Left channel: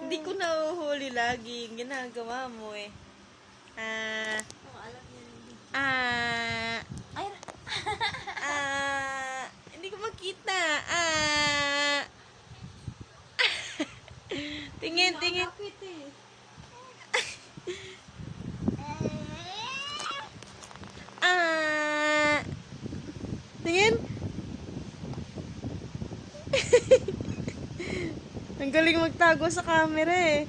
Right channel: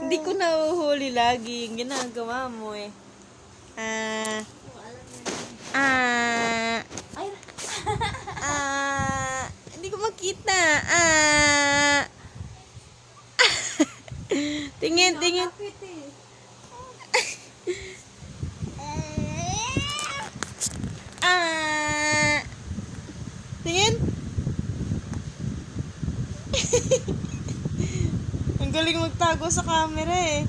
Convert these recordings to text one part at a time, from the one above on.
Hindi ko nahuhuli lagi. Ginagawa mo eh. Hindi ko makita. Tingin, tingin. Tingin. Ang galing magtago sa camera eh.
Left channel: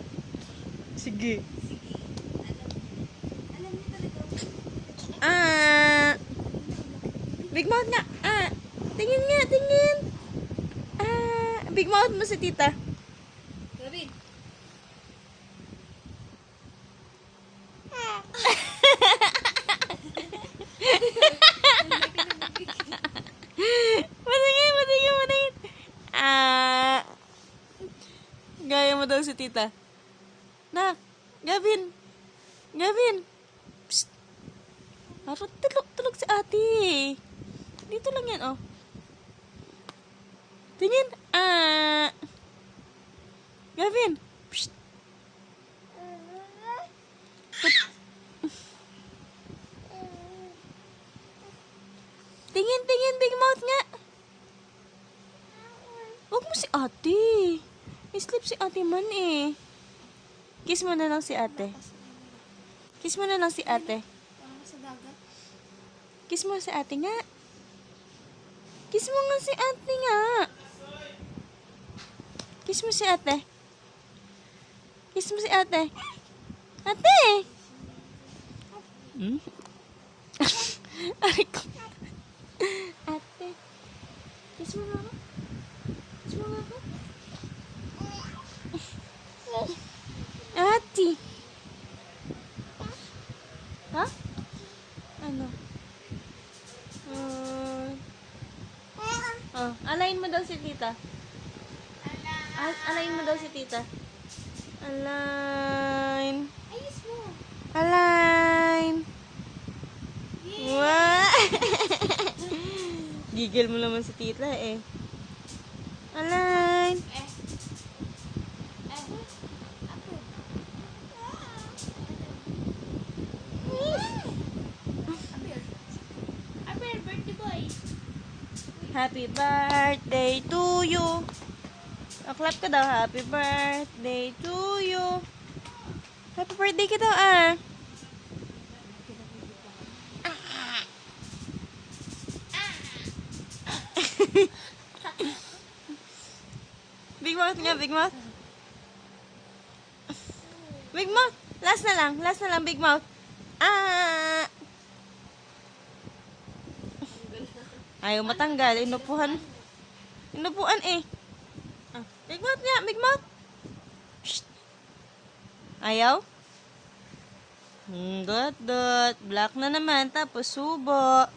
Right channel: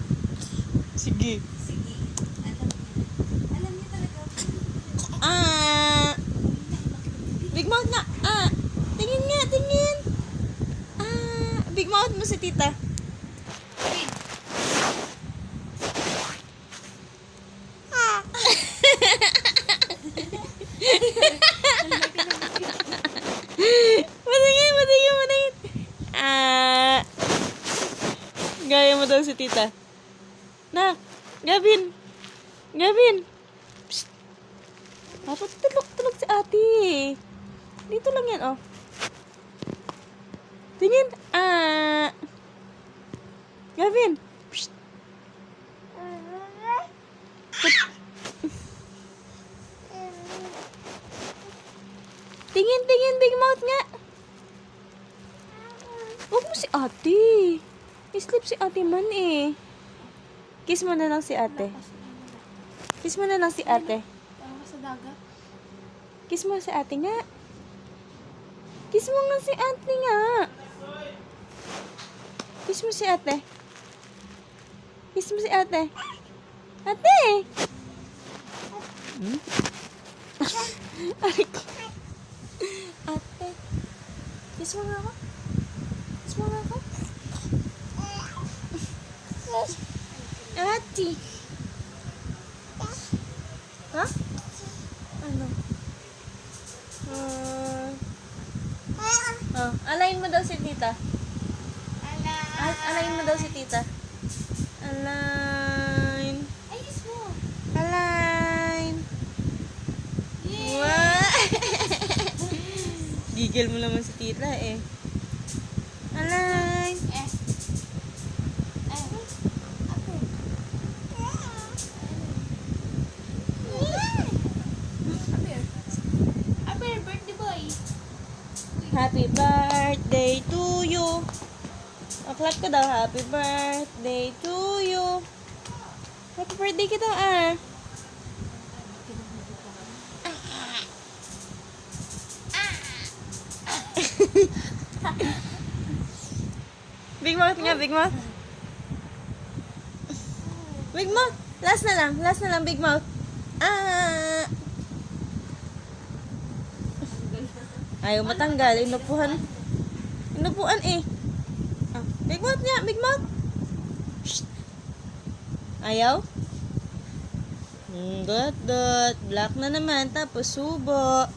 Sige. Sige. Alam niyo talaga. Big mouth nga. Tingin nga, tingin. Big mouth mo si tita. Matingin. Gaya mo daw si tita. Nak, Gavin. Psst. Dapat tulog si ate. Dito lang yan, oh. Tingin. Gavin. Psst. Tingin, big mouth nga. Huwag mo si ate. I-sleep si ate man eh. Kiss mo na lang si ate. Kiss mo na lang si ate. Parang sa dagat. Kiss mo si ate nga. Kiss mo nga si ate nga. Kiss mo si ate. Kiss mo si ate. Ate! Aray ko. Ate. Kiss mo nga ako. Kiss mo nga ako. Ate. Ha? Ano? Alayin mo daw si tita. Alayin mo daw si tita. Align. Ayos mo. Align. Wow! Gigil mo naman si tita eh. Align. Happy birthday to you. Clap ka daw. Happy birthday to you. Happy birthday ka daw Big mouth nga, big mouth. Big mouth. Last na lang, big mouth. Ayaw matanggal. Inupuan eh. Big mouth nga, big mouth. Shh. Ayaw? Dot. Black na naman. Tapos subo.